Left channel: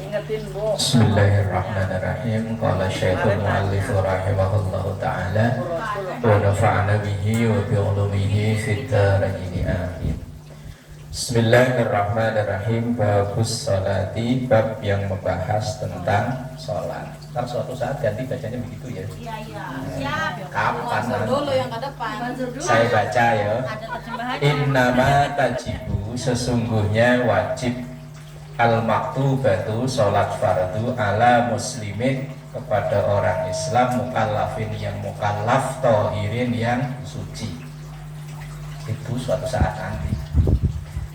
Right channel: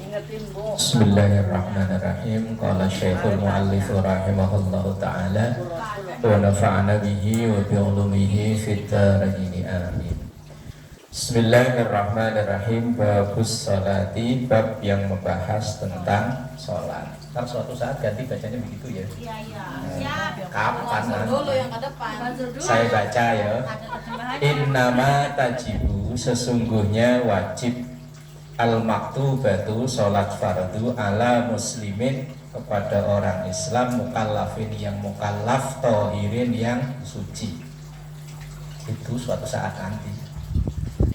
Bismillahirrahmanirrahim. Qala Syekhul Mu'allif rahimahullahu ta'ala wa nafa'ana bihi wa bi ulumihi fid dharain amin. Bismillahirrahmanirrahim. Babus sholati, bab yang membahas tentang sholat. Ntar suatu saat ganti bacanya begitu ya. Iya. Kapan dulu yang ke depan. saya baca ya. Innama tajibu, sesungguhnya wajib al-maktubatu, sholat fardu ala muslimin, kepada orang Islam mukallafin yang mukallaf, tohirin yang suci. Itu suatu saat nanti.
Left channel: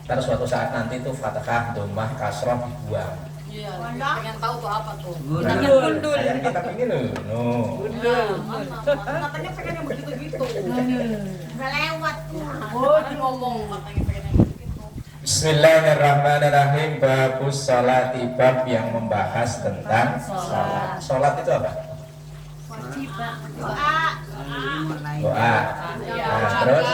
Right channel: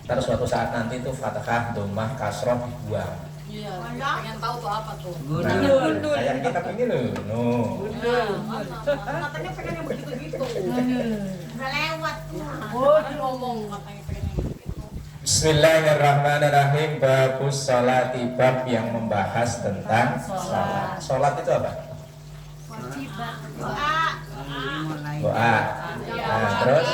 Terus suatu saat nanti itu fathah, dhammah, kasroh dibuang. Iya, pengen tahu tuh apa tuh. Kayak kita ini loh. Matanya pengen yang begitu-gitu. Lewat tuh. Oh, ngomong matanya pengen yang begitu. Bismillahirrahmanirrahim. Babus sholati, bab yang membahas tentang sholat. Sholat itu apa? Doa. Nah, terus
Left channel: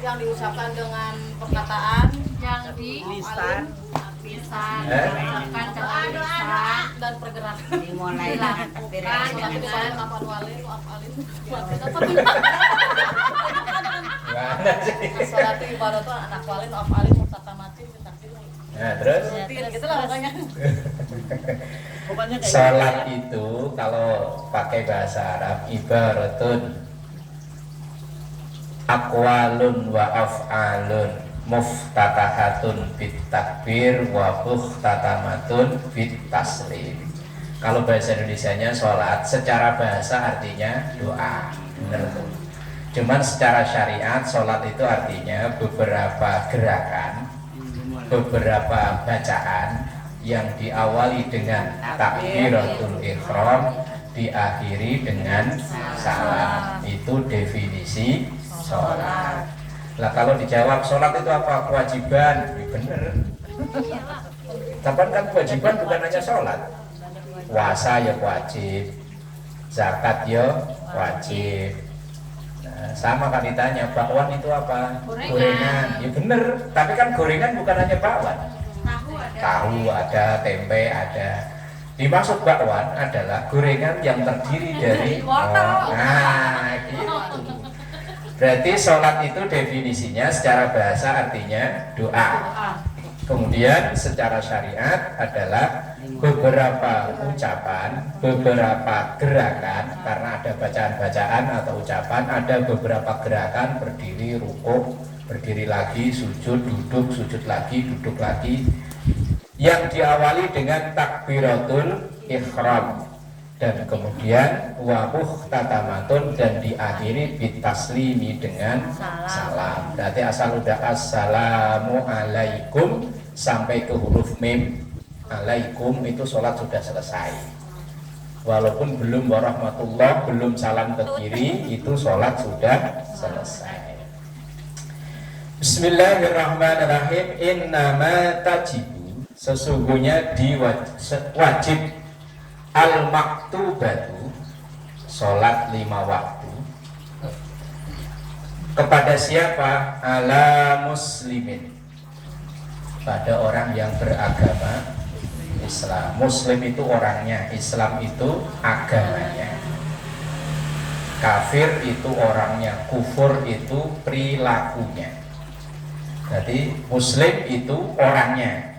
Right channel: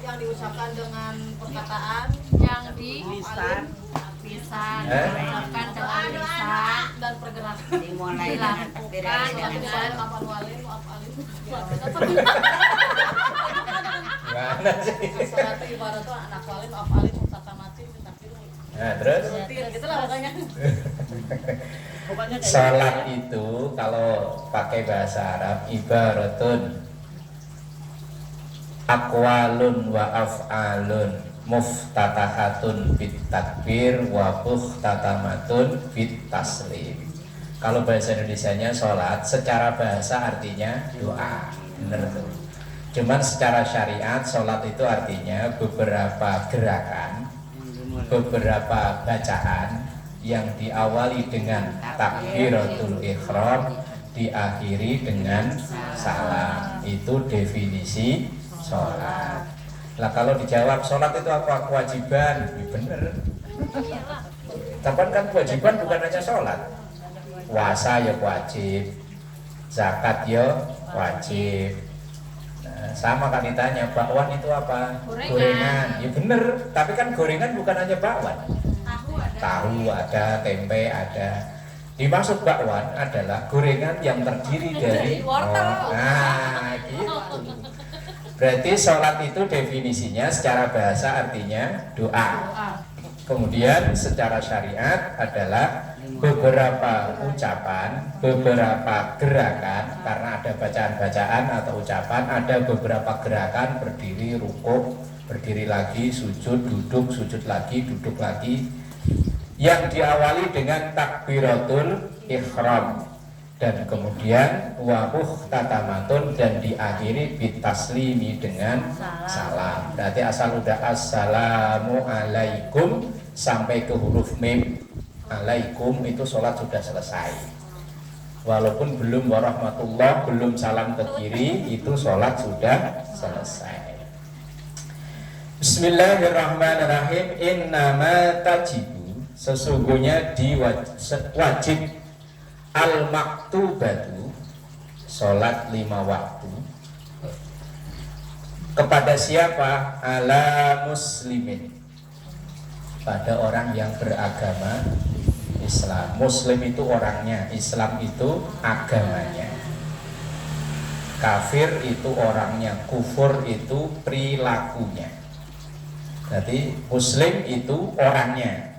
Yang diucapkan dengan perkataan Yang di lisan dilakukan dengan lisan dan pergerakan. dilakukan dengan gimana sih? Sholat itu ibarat tuh anak walin, afalin, mutakamatin, takdir. Nah, terus Gitu lah pokoknya. sholat itu kalau pakai bahasa Arab ibaratun aqwalun wa af'alun muftatahatun bit takbir wa muhtatamatun bit taslim. Kalau bahasa Indonesianya sholat secara bahasa artinya doa, benar tuh. Cuman secara syariat sholat itu artinya beberapa gerakan, beberapa bacaan yang diawali dengan takbiratul ihram, diakhiri dengan salam. Itu definisi sholat. Nah, kalau dijawab sholat itu apa? Kewajiban. Ya, bener. Tapi kan kewajiban bukan hanya sholat. Puasa ya wajib, zakat ya wajib. Nah, sama kan ditanya, bakwan itu apa? Gorengan. Ya bener. Tapi kan gorengan bukan hanya bakwan. Tahu ada, tempe ada. Dimaksud bakwan adalah gorengan yang terdiri dari nah gitu. Berarti sholat itu definisinya secara bahasa artinya doa. Kemudian secara syariat adalah beberapa ucapan, beberapa gerakan, karena ada bacaan-bacaan atau ucapan, ada beberapa gerakan berdiri, rukuk, berdiri lagi, sujud, duduk, sujud lagi, duduk lagi, yang diawali dengan takbiratul ihram dan kemudian wabuh tatamatun dan diakhiri bitaslimi dengan salam. Berarti asal udah assalamu alaikum sampai ke huruf mim alaikum itu sholat sudah selesai. Walaupun belum warahmatullah, belum salam ke kiri, itu sholat sudah selesai. Bismillahirrahmanirrahim. Innama tajibu, sesungguhnya wajib al-maktubatu, sholat 5 waktu, kepada siapa? Ala muslimin, pada orang yang beragama Islam. Muslim itu orangnya, Islam itu agamanya. Kafir itu orangnya, kufur itu perilakunya. Jadi muslim itu orangnya,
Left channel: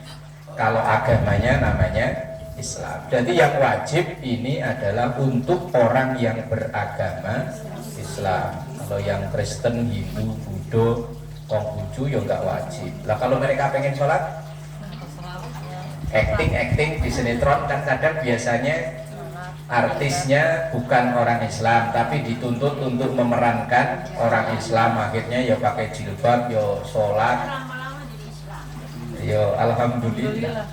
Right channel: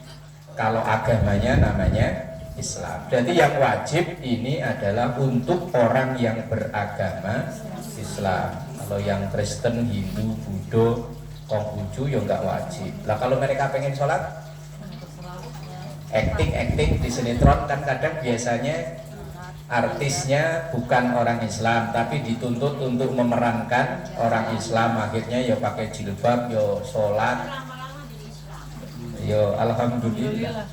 kalau agamanya namanya Islam. Jadi yang wajib ini adalah untuk orang yang beragama Islam. Kalau yang Kristen, Hindu, Buddha, Konghucu ya nggak wajib. Lah kalau mereka pengen sholat, acting di sinetron kan kadang biasanya artisnya bukan orang Islam tapi dituntut untuk memerankan orang Islam, akhirnya ya pakai jilbab, ya sholat, ya alhamdulillah.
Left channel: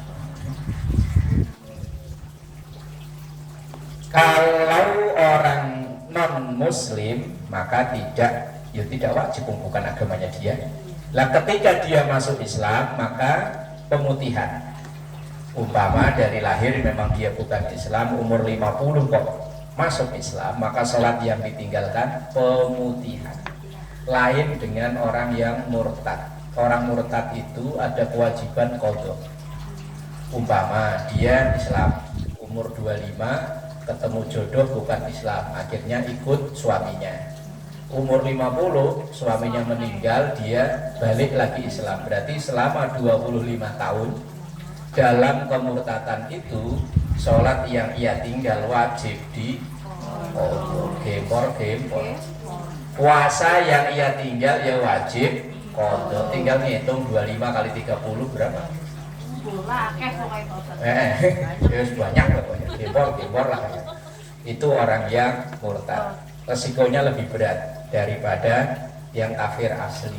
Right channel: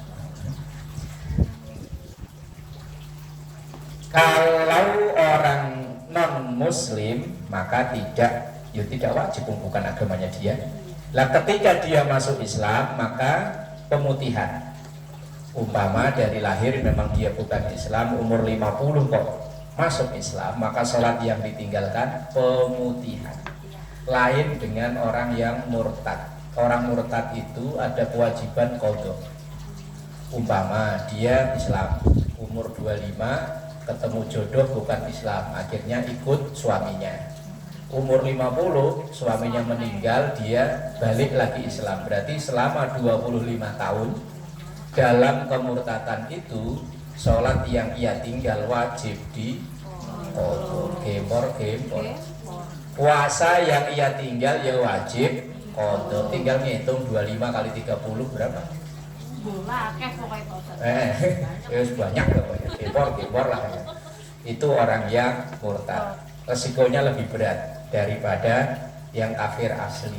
Kalau orang non muslim maka tidak wajib, bukan agamanya dia. Lah ketika dia masuk Islam maka pemutihan. Umpama dari lahir memang dia bukan Islam, umur 50 kok masuk Islam, maka sholat yang ditinggalkan pemutihan. Lain dengan orang yang murtad. Orang murtad itu ada kewajiban qadha. Umpama dia Islam, umur 25 ketemu jodoh bukan Islam, akhirnya ikut suaminya. Umur 50 suaminya meninggal, dia balik lagi Islam. Berarti selama 25 tahun dalam kemurtatan itu, sholat yang ia tinggal wajib di gempor. Puasa yang ia tinggal ya wajib kodok. Tinggal ngitung 25 kali 30 berapa? Ya banyak pokoknya. Gempor lah ya. Itu orang yang murtad. Resikonya lebih berat daripada yang kafir asli.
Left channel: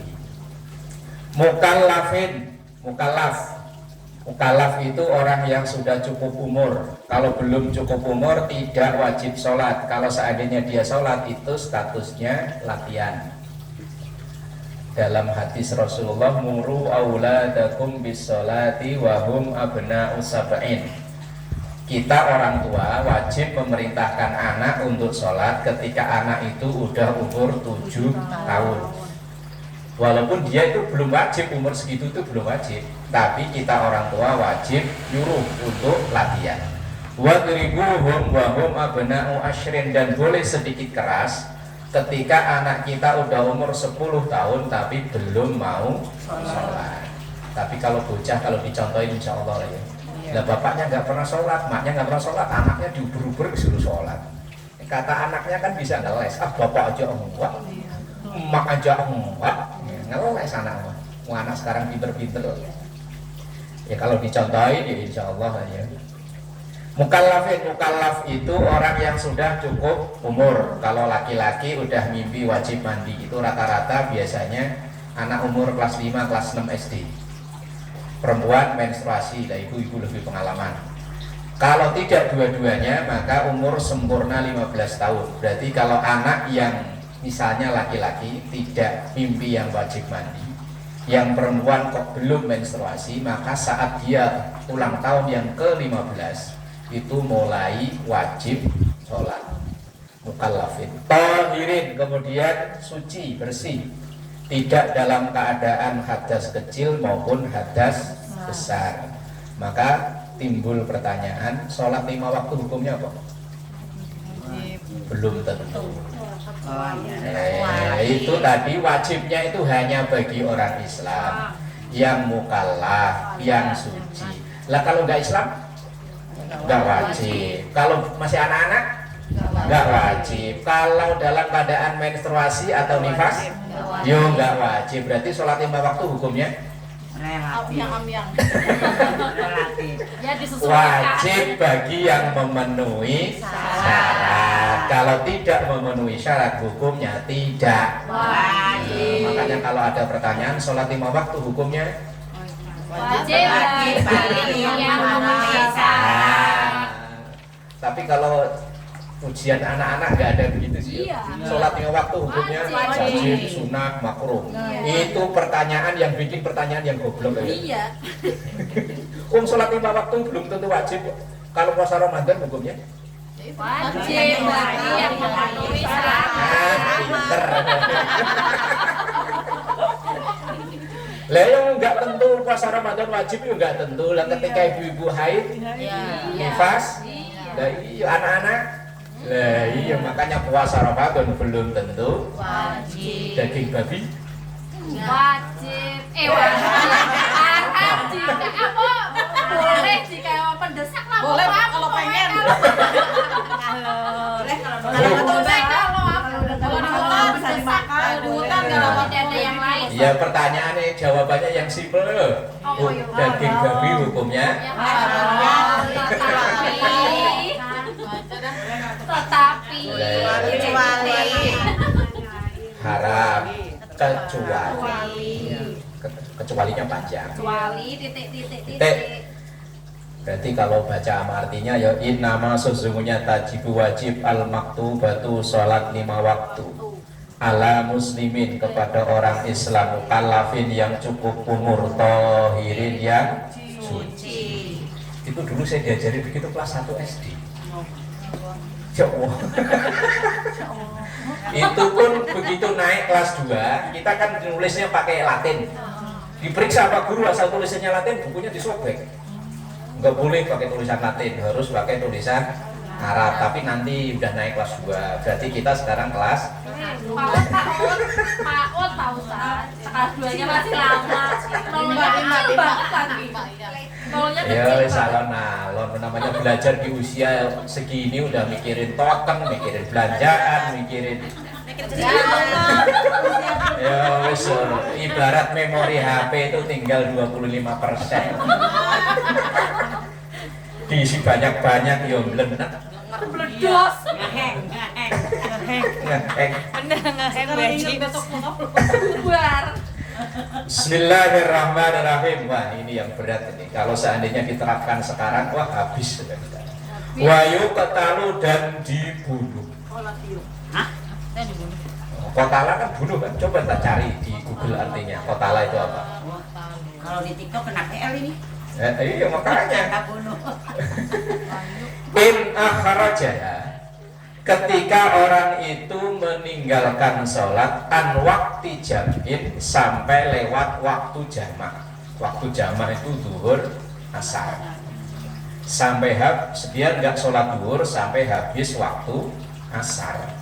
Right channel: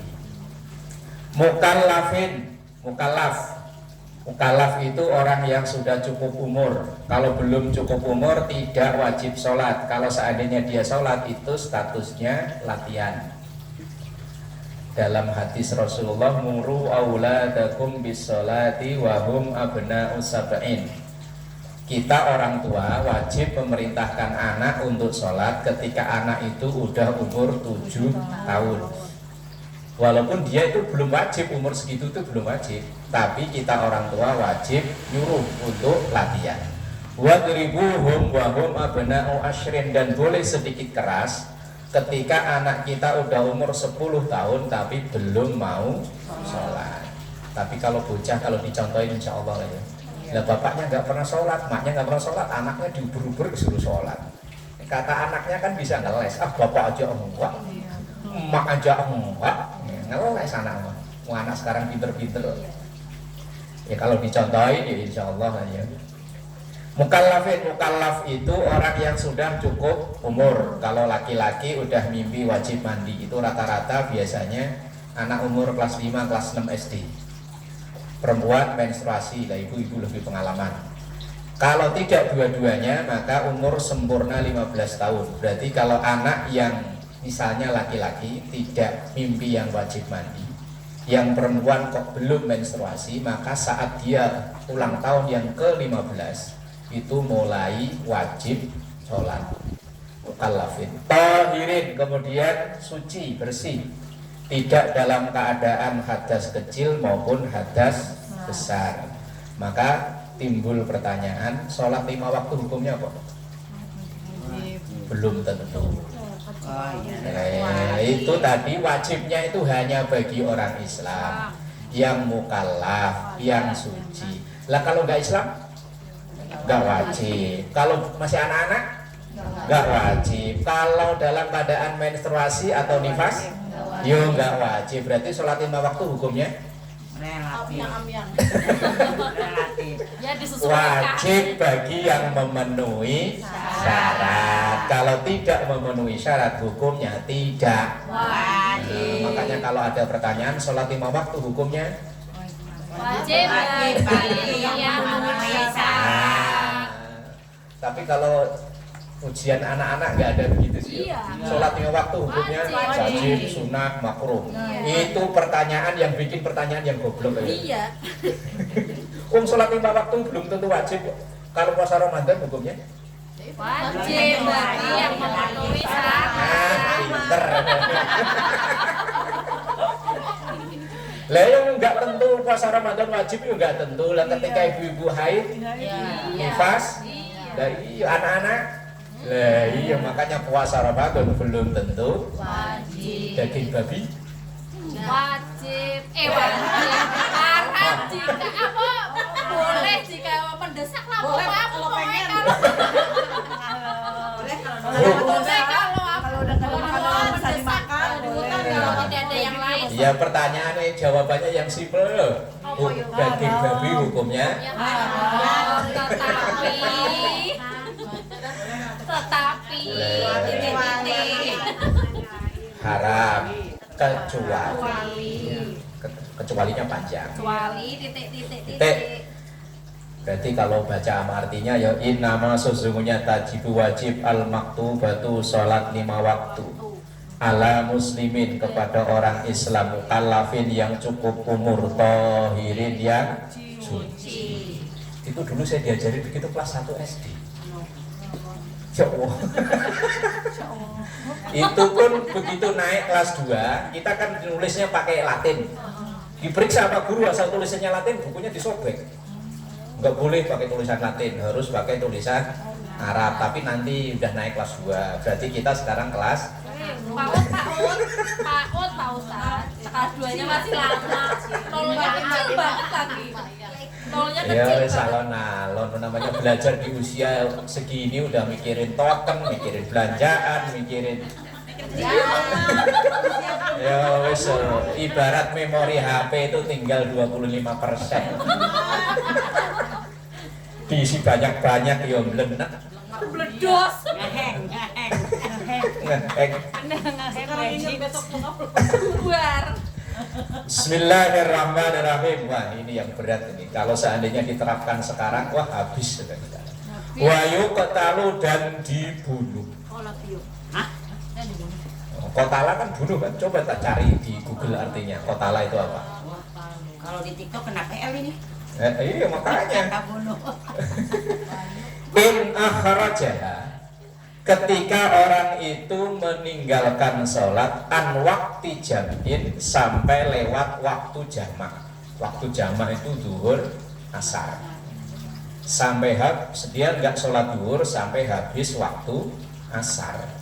Mukallaf itu orang yang sudah cukup umur. Kalau belum cukup umur tidak wajib sholat. Kalau seandainya dia sholat itu statusnya latihan. Dalam hadis Rasulullah, muru auladakum bis sholati wahum abna'u sab'in. Kita orang tua wajib memerintahkan anak untuk sholat ketika anak itu udah umur 7 tahun. Walaupun dia itu belum wajib, umur segitu itu belum wajib, tapi kita orang tua wajib nyuruh untuk latihan. Wadribuhum wahum abna'u asyrin, dan boleh sedikit keras ketika anak kita udah umur 10 tahun tapi belum mau sholat. Tapi kalau bocah, kalau dicontohin insya Allah lah ya. Nah, bapaknya nggak pernah sholat, maknya nggak pernah sholat, anaknya diuber-uber disuruh sholat. Kata anaknya kan bisa ngeles, bapak aja enggak, emak aja enggak, ngeles anak. Anak sekarang pinter-pinter. Ya kalau dicontohin ya insya Allah ya. Mukallaf itu orang yang sudah cukup umur. Kalau laki-laki udah mimpi wajib mandi, itu rata-rata biasanya anak umur kelas 5, kelas 6 SD. Perempuan menstruasi, lah ibu-ibu lebih pengalaman. Kalau tidak dua-duanya maka umur sempurna 15 tahun. Berarti kalau anak yang misalnya laki-laki tidak mimpi yang wajib mandi, yang perempuan kok belum menstruasi, maka saat dia ulang tahun yang ke-15 itu mulai wajib sholat. Mukallafin tahirin, kemudian suci, bersih, tidak dalam keadaan hadas kecil maupun hadas besar. Maka timbul pertanyaan, sholat 5 waktu hukumnya apa? Belum tentu. Itu tadi wajibnya itu hanya bagi orang Islam yang mukallaf, yang suci. Lah kalau nggak Islam, nggak wajib. Kalau masih anak-anak, nggak wajib. Kalau dalam keadaan menstruasi atau nifas, yo nggak wajib. Berarti sholat 5 waktu hukumnya wajib bagi yang memenuhi syarat. Kalau tidak memenuhi syarat hukumnya tidak wajib. Makanya kalau ada pertanyaan sholat 5 waktu hukumnya wajib bagi yang memenuhi syarat. Tapi kalau ujian anak-anak nggak ada begitu sih. Sholat 5 waktu hukumnya wajib, sunat, makruh. Itu pertanyaan yang bikin pertanyaan yang goblok ya. Sholat 5 waktu belum tentu wajib. Kalau puasa Ramadan hukumnya Wajib bagi yang memenuhi syarat. Pinter. Lah yang nggak tentu puasa Ramadan wajib juga nggak tentu. Lah ketika ibu-ibu haid, nifas, dari anak-anak, lah iya makanya puasa Ramadan belum tentu Wajib. daging babi Wajib. Wajib. Apa? Boleh jika mendesak lah. Boleh kalau pengen. Boleh kalau bisa dimakan, kan kalau tidak ada yang lain. ya. Pertanyaannya jawabannya yang simpel loh. Daging babi hukumnya Tetapi haram kecualinya panjang. Titik. Berarti kalau baca sama artinya ya innama sesungguhnya tajibu wajib al maktubatu sholat 5 waktu ala muslimin kepada orang Islam mukallafin yang cukup umur tohirin yang suci. Itu dulu saya diajari begitu kelas 1 SD. Ya Allah. Itu pun begitu naik kelas 2 kita kan nulisnya pakai Latin. Diperiksa sama guru asal tulisannya Latin, bukunya disobek. nggak boleh pakai tulisan Latin, harus pakai tulisan Arab. Tapi nanti udah naik kelas 2, berarti kita sekarang kelas PAUD tahu Ustaz. Kelas 2-nya masih lama. Nolnya kecil banget lagi. Nolnya ya kecil wis banget. alon namanya belajar di usia segini udah mikirin token, mikirin belanjaan, mikirin ya wis ibarat memori HP itu tinggal 25%. Diisi banyak-banyak ya melenak. Bledos. Ngeheng. Bubar. Bismillahirrahmanirrahim. Wah, ini yang berat ini. Kalau seandainya diterapkan sekarang, wah habis sudah kita. Wayu ketalu dan dibunuh. Kotala kan bunuh kan. Coba tak cari di Google artinya. Kotala itu apa? Kalau di TikTok kena PL ini. Iya makanya. Kena bunuh. In akhrajaha, ketika orang itu meninggalkan sholat an waktu jamin sampai lewat waktu jamak. Waktu jamak itu zuhur asar. Sampai dia nggak sholat zuhur sampai habis waktu asar.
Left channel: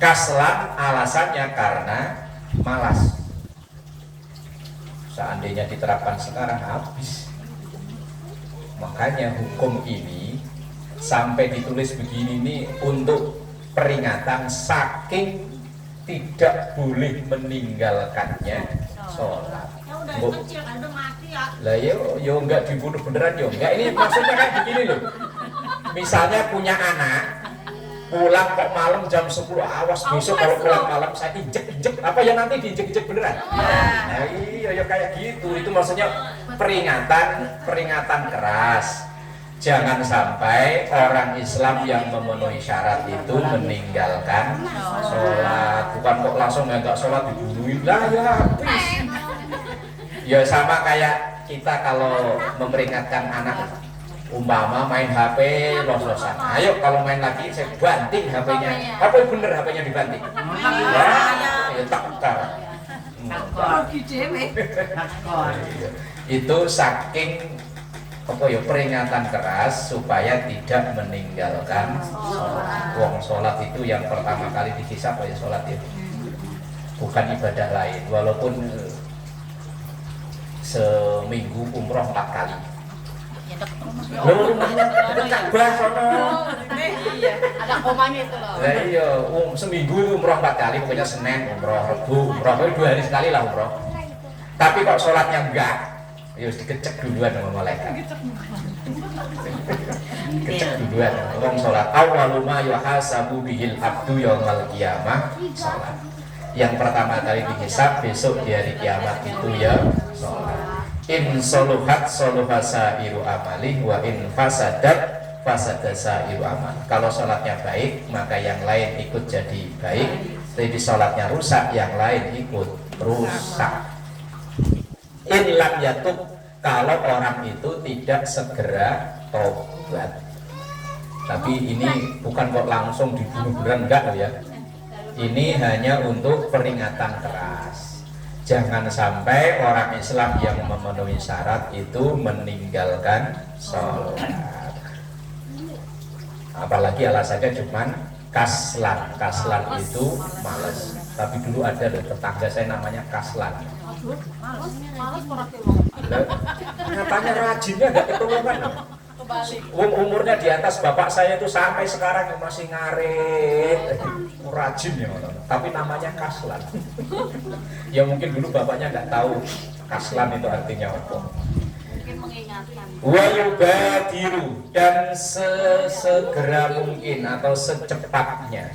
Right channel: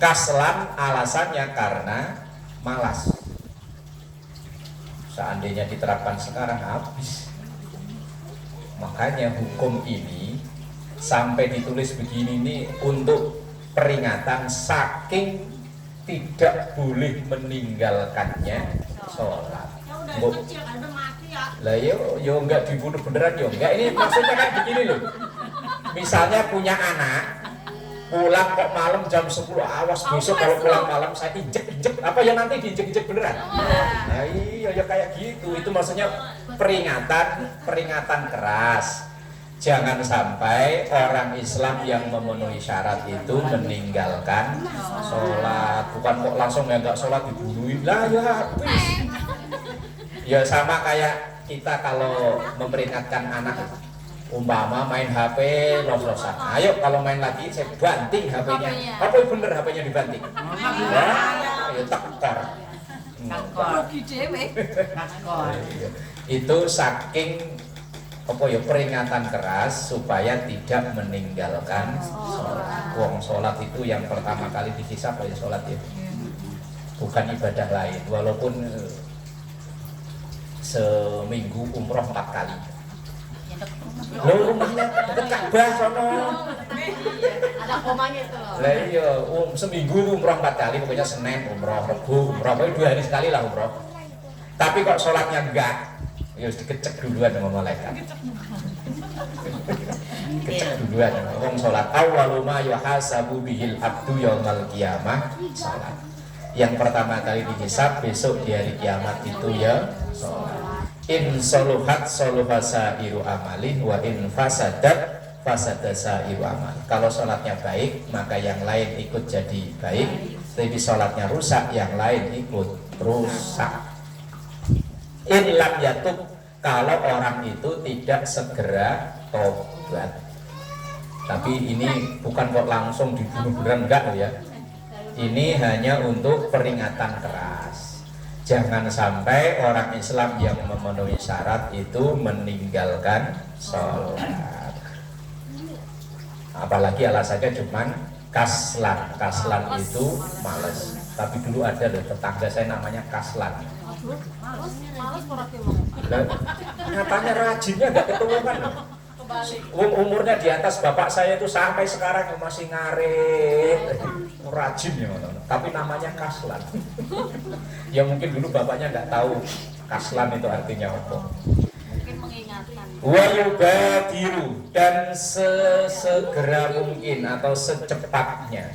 Kaslan alasannya karena malas. Seandainya diterapkan sekarang habis. Makanya hukum ini sampai ditulis begini ini untuk peringatan saking tidak boleh meninggalkannya sholat. Lah yo enggak dibunuh beneran yo enggak. Ini maksudnya kan begini loh. Misalnya punya anak pulang kok malam jam 10, awas besok kalau pulang malam saya injek apa ya nanti diinjek beneran. Nah iya ya kayak gitu. Itu maksudnya peringatan keras. Jangan sampai orang Islam yang memenuhi syarat itu meninggalkan sholat. Bukan kok langsung nggak sholat dibunuhin lah ya habis. Ya sama kayak kita kalau memperingatkan anak umpama main HP los-losan. Ayo kalau main lagi saya banting HP-nya. Apa bener HP-nya dibanting? Wah, ya takar. Itu saking apa ya peringatan keras supaya tidak meninggalkan sholat. Wong sholat itu yang pertama kali dihisab ya sholat itu, bukan ibadah lain. Walaupun seminggu umroh 4 kali. Lo rumahnya dekat Ka'bah sono. Ada komanya itu loh. Lah iya, seminggu itu umroh 4 kali, pokoknya Senin umroh, Rebu umroh, pokoknya 2 hari sekali lah umroh. Tapi kok sholatnya enggak, ya harus dikecek duluan sama malaikat. Kecek duluan, ngomong sholat. Awwalu ma yuhasabu bihil abdu yaumal qiyamah sholat. Yang pertama kali dihisab besok di hari kiamat itu ya sholat. In soluhat soluhasa iru amalih wa in fasadat fasadasa iru amal. Kalau sholatnya baik maka yang lain ikut jadi baik. Tapi sholatnya rusak yang lain ikut rusak. In lam yatub, kalau orang itu tidak segera tobat. Tapi ini bukan kok langsung dibunuh beneran enggak loh ya. Ini hanya untuk peringatan keras. Jangan sampai orang Islam yang memenuhi syarat itu meninggalkan sholat. Apalagi alasannya cuman kaslan. Kaslan itu males. Tapi dulu ada loh tetangga saya namanya Kaslan. Katanya rajinnya nggak ketulungan loh. Umurnya di atas bapak saya itu sampai sekarang masih ngarit, rajin ya, tapi namanya Kaslan. Ya mungkin dulu bapaknya nggak tahu Kaslan itu artinya apa. Mungkin mengingatkan. Wa yubadiru, dan sesegera mungkin atau secepatnya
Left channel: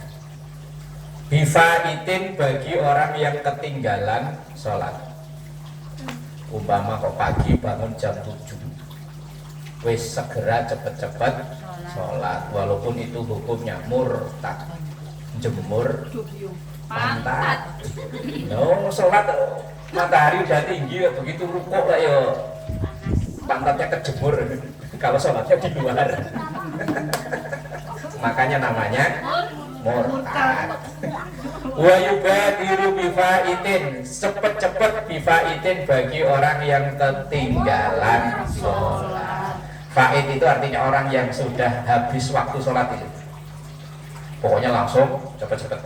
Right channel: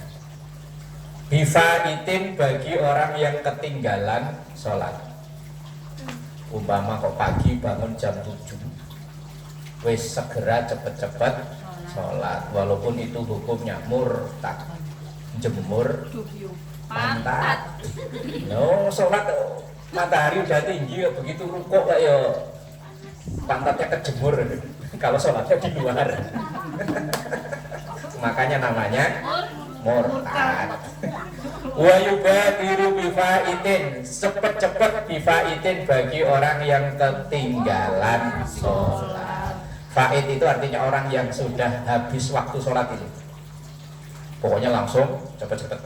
bifaitin bagi orang yang ketinggalan sholat. Umpama kok pagi bangun jam 7, wis segera cepet-cepet sholat, walaupun itu hukumnya murtad, jemur pantat. No, sholat matahari udah tinggi, begitu rukuk lah ya pantatnya kejemur. Kalau sholatnya di luar, makanya namanya murtad. Wa yubadiru bifaitin, cepet-cepet bifaitin bagi orang yang ketinggalan sholat. Fa'id itu artinya orang yang sudah habis waktu sholat itu. Pokoknya langsung cepet-cepet.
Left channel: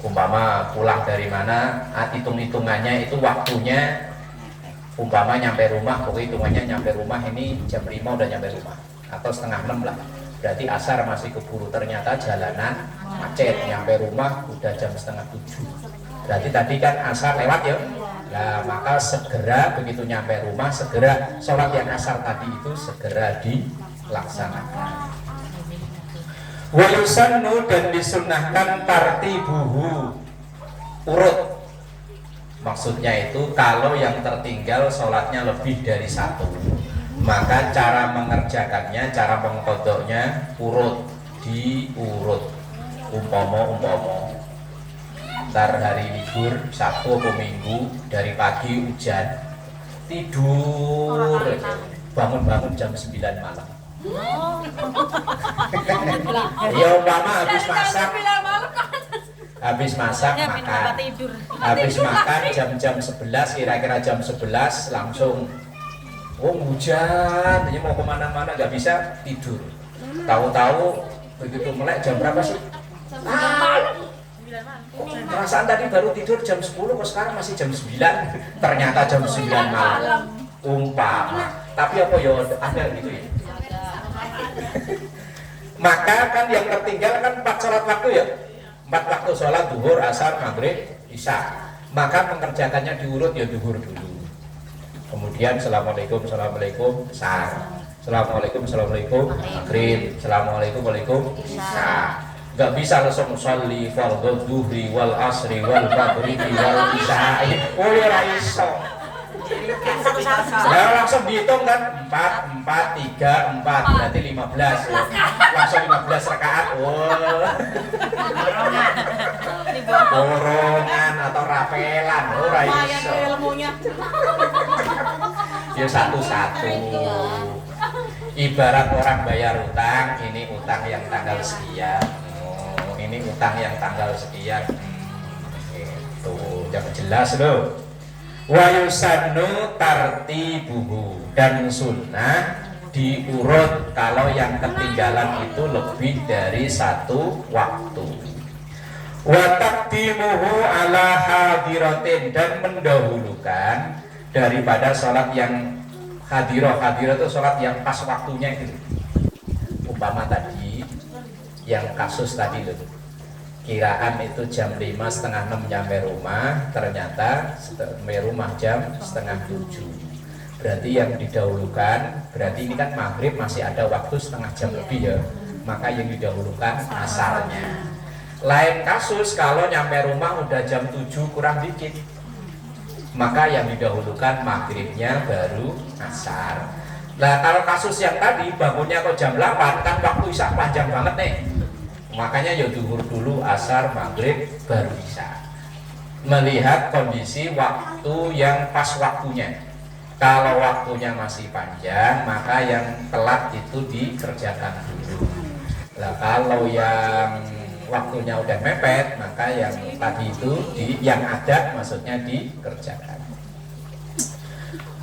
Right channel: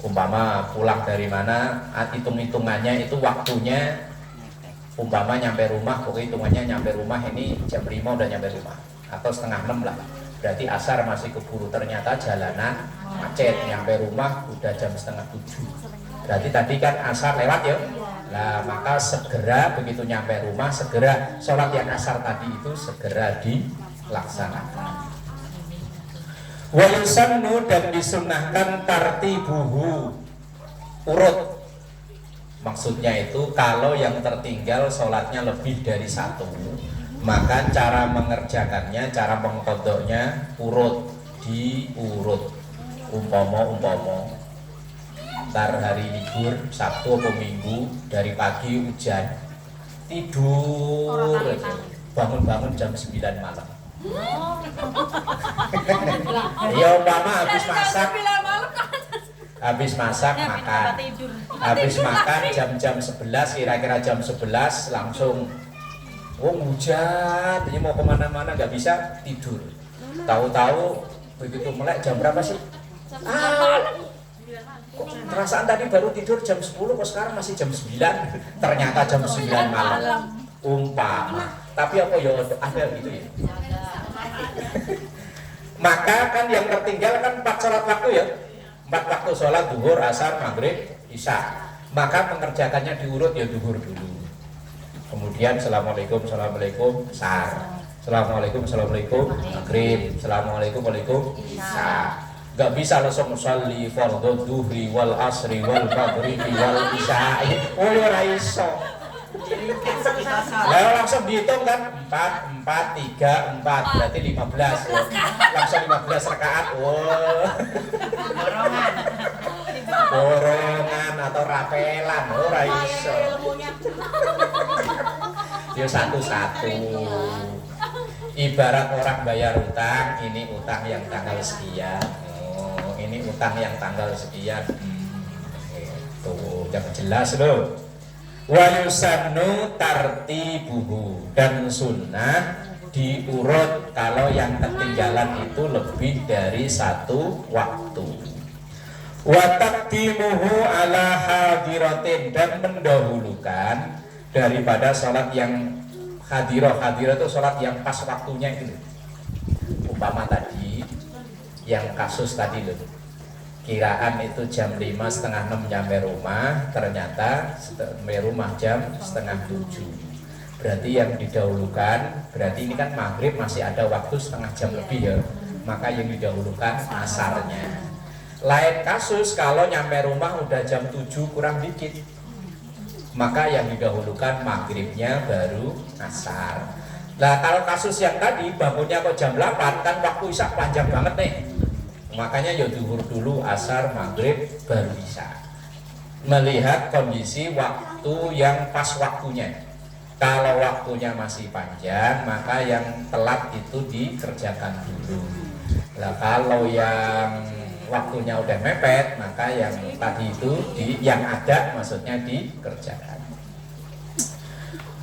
Umpama pulang dari mana, hitung-hitungannya itu waktunya. Umpama nyampe rumah, pokoknya hitungannya nyampe rumah ini jam 5 udah nyampe rumah, atau setengah 6 lah. Berarti asar masih keburu, ternyata jalanan macet, nyampe rumah udah jam setengah 7. Berarti tadi kan asar lewat ya. Nah maka segera begitu nyampe rumah, segera sholat yang asar tadi itu segera dilaksanakan. Wa yusannu, dan disunahkan tartibuhu, urut. Maksudnya itu kalau yang tertinggal sholatnya lebih dari satu, maka cara mengerjakannya, cara mengkodoknya urut, diurut. Umpomo ntar hari libur Sabtu atau Minggu, dari pagi hujan, tidur bangun jam 9 malam. Ya umpama habis masak makan, habis makan jam 11, kira-kira jam 11 langsung hujan, jadi mau kemana-mana nggak bisa tidur. Tahu-tahu begitu melek jam berapa sih? Perasaan tadi baru tidur jam 10, kok sekarang masih jam 9. Ternyata jam 9 malam. Umpama. Tapi apa ya ada gitu ya. Maka kan yang tertinggal kan 4 sholat waktu ya. 4 waktu sholat zuhur, asar, maghrib, isya. Maka mengerjakannya diurut ya zuhur dulu. Kemudian assalamualaikum sar. Assalamualaikum maghrib. Assalamualaikum isya. Gak bisa langsung sholli fardhu zuhri wal asri wal maghribi wal isya. Oh ya ora iso. Ya langsung dihitung kan 4, 3, 4 berarti 15 ya. Langsung 15 rakaat. Wah. Borongan atau rapelan ora iso. Ya satu-satu. Ibarat orang bayar utang, ini utang yang tanggal sekian. Ini utang yang tanggal sekian. Itu jangan jelas loh. Wa yusannu tartibuhu, dan sunnah diurut kalau yang ketinggalan itu lebih dari satu waktu. Wa taqdimuhu ala hadiratin, dan mendahulukan daripada sholat yang hadirah. Hadirah itu sholat yang pas waktunya itu. Umpama tadi yang kasus tadi loh, kiraan itu jam 5 setengah 6 nyampe rumah, ternyata sampai rumah jam setengah 7. Berarti yang didahulukan, berarti ini kan maghrib masih ada waktu setengah jam lebih ya, maka yang didahulukan asarnya. Lain kasus kalau nyampe rumah udah jam 7 kurang dikit, maka yang didahulukan maghribnya baru asar. Nah kalau kasus yang tadi bangunnya kok jam 8, kan waktu isya panjang banget nih. Makanya ya zuhur dulu, asar, maghrib, baru isya. Melihat kondisi waktu yang pas waktunya. Kalau waktunya masih panjang, maka yang telat itu dikerjakan dulu. Nah kalau yang waktunya udah mepet, maka yang tadi itu yang ada maksudnya dikerjakan.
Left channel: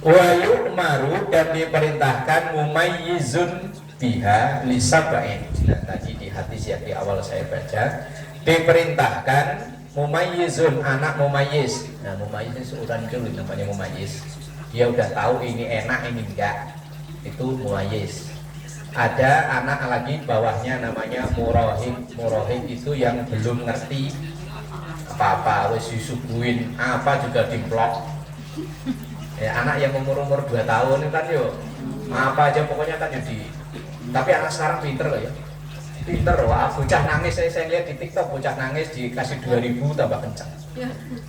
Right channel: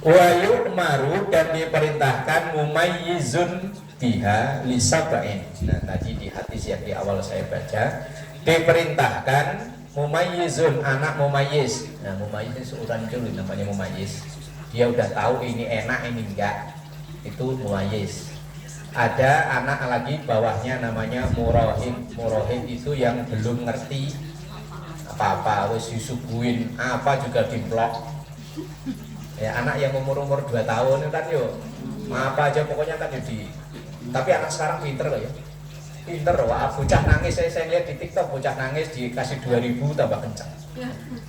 Wa yu'maru, dan diperintahkan mumayyizun biha lisabain. Nah tadi di hadis yang di awal saya baca, diperintahkan mumayyizun, anak mumayyiz. Nah mumayyiz itu urutan dulu namanya mumayyiz. Dia udah tahu ini enak ini enggak, itu mumayyiz. Ada anak lagi bawahnya namanya murahim. Murahim itu yang belum ngerti apa-apa, wis disuguhin apa juga dimplok. Ya anak yang umur 2 tahun itu kan yo apa aja pokoknya kan di. Tapi anak sekarang pinter loh ya. Pinter, wah bocah nangis, saya lihat di TikTok bocah nangis dikasih 2.000 tambah kencang.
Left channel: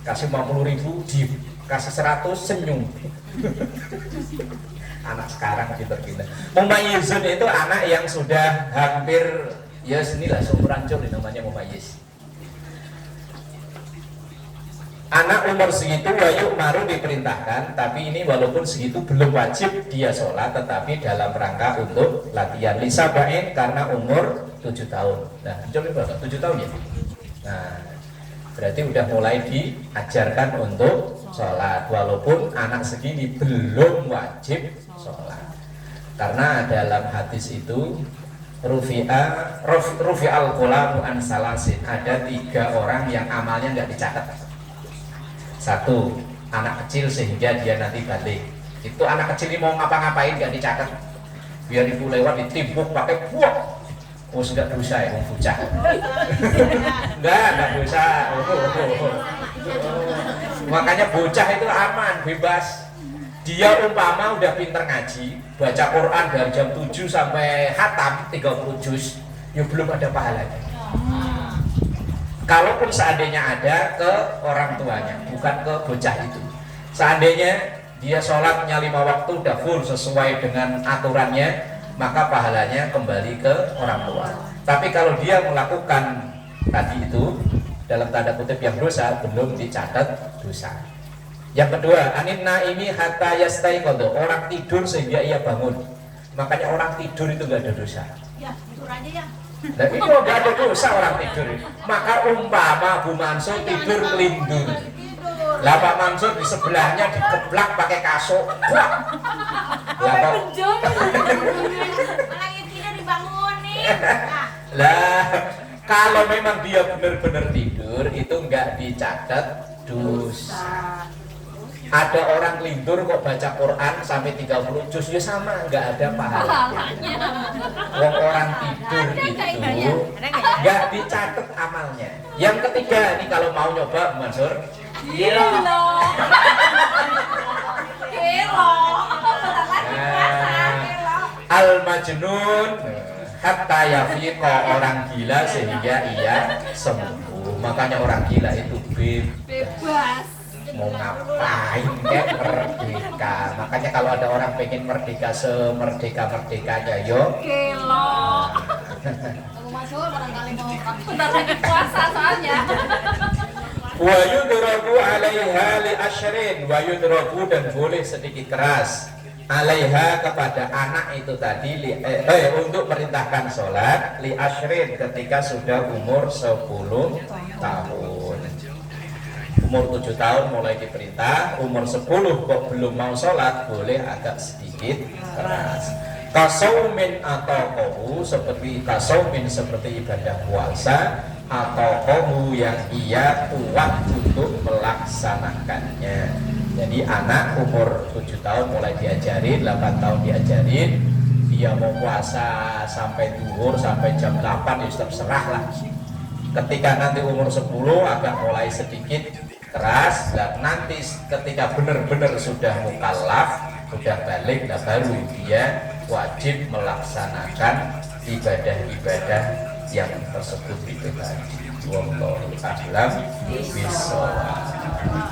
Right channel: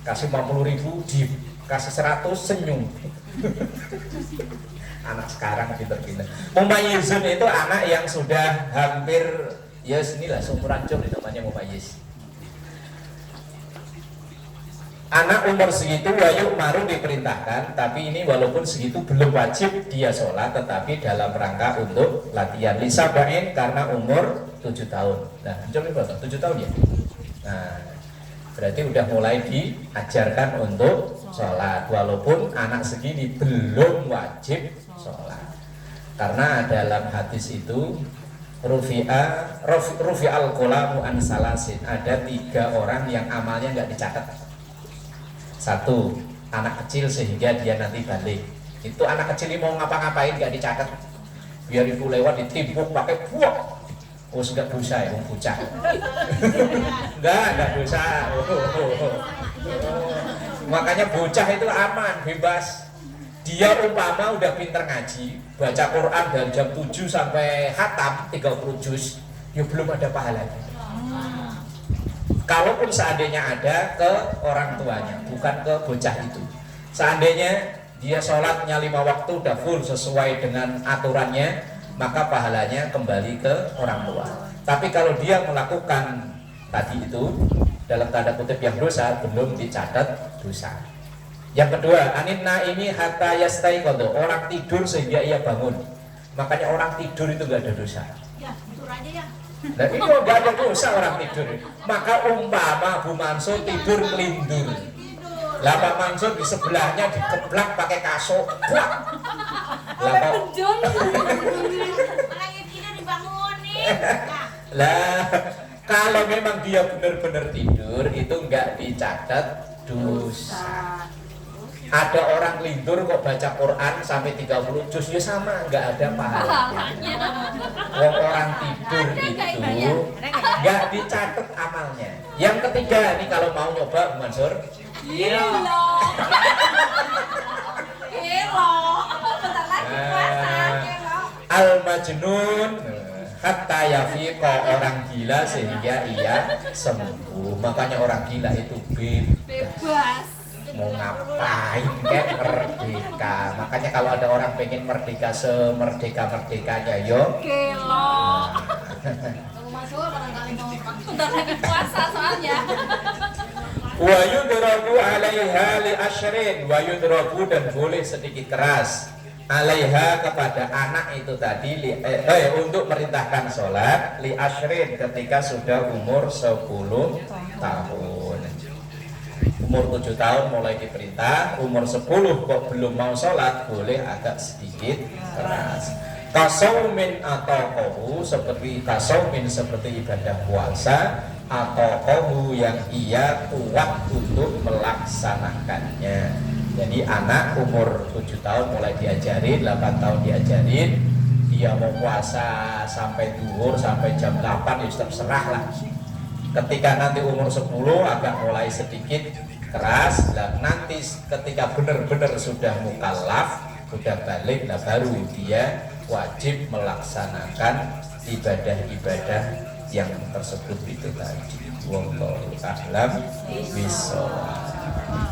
Kasih 50.000 dikasih 100 senyum. Anak sekarang pinter-pinter. Mumayyizun itu anak yang sudah hampir ya sinilah seumuran jauh namanya mumayyiz. Anak umur segitu wayuk maru diperintahkan, tapi ini walaupun segitu belum wajib dia sholat, tetapi dalam rangka untuk latihan lisabain karena umur 7 tahun. Nah, coba berapa? 7 tahun ya? Nah, berarti udah mulai diajarkan untuk sholat, walaupun anak segini belum wajib sholat. Karena dalam hadis itu rufi'al qalamu an salasin, ada 3 orang yang amalnya nggak dicatat. 1, anak kecil sehingga dia nanti balik. Itu anak kecil ini mau ngapa-ngapain nggak dicatat, biar ibu lewat ditimpuk pakai buak. Oh sudah dosa ya, bocah. Enggak dosa. Makanya bocah itu aman, bebas. Dia umpama udah pinter ngaji, baca Quran dari jam 7 sampai khatam 30 juz, ya belum ada pahalanya. Kalaupun seandainya ada ke orang tuanya, bukan ke bocah itu. Seandainya dia sholatnya 5 waktu udah full sesuai dengan aturannya, maka pahalanya kembali ke orang tua. Tapi kalau dia melakukan tadi itu dalam tanda kutip yang dosa, belum dicatat dosa. Yang kedua, anin naimi hatta yastaiqadha, orang tidur sehingga ia bangun. Makanya orang tidur itu enggak ada dosa. Ya, tidur aja ya. Nah ini enggak ada dosa orang tidur. Maka umpama Bu Mansur tidur kelindur, lah Pak Mansur di sebelahnya dikeplak pakai kasur, plak. Lah kok Malah intinya dibangunin. lah kalau memang dia benar-benar tidur itu enggak dicatat dosa. Ada orang lindur kok baca Quran sampai 30 juz, ya sama, enggak ada pahalanya. Orang tidur itu enggak dicatat amalnya. Yang ketiga ini kalau mau nyoba Mansur, al-majnun hatta yafiqa, orang gila sehingga ia sembuh. Makanya orang gila itu Bebas. mau ngapain kayak merdeka. Makanya kalau ada orang pengen merdeka semerdeka-merdekanya, yo Gelo. Bentar lagi puasa soalnya. wa yudrabu alaiha li asyrin, wa yudrabu, dan boleh sedikit keras alaiha kepada anak itu tadi untuk merintahkan sholat li asyrin ketika sudah umur 10 tahun. Umur 7 tahun mulai diperintah, umur 10 kok belum mau sholat, boleh agak sedikit keras. Kasaumin atau kohu, seperti kasaumin seperti ibadah puasa, atau kohu yang ia kuat untuk melaksanakannya. Jadi anak umur 7 tahun mulai diajarin, 8 tahun diajarin, dia mau puasa sampai duhur, sampai jam 8 ya terserah lah. Ketika nanti umur 10 agak mulai sedikit keras, dan nanti ketika benar-benar sudah mukallaf, sudah balik, nah baru dia wajib melaksanakan ibadah-ibadah yang tersebut itu tadi. Wallahu a'lam bishawab.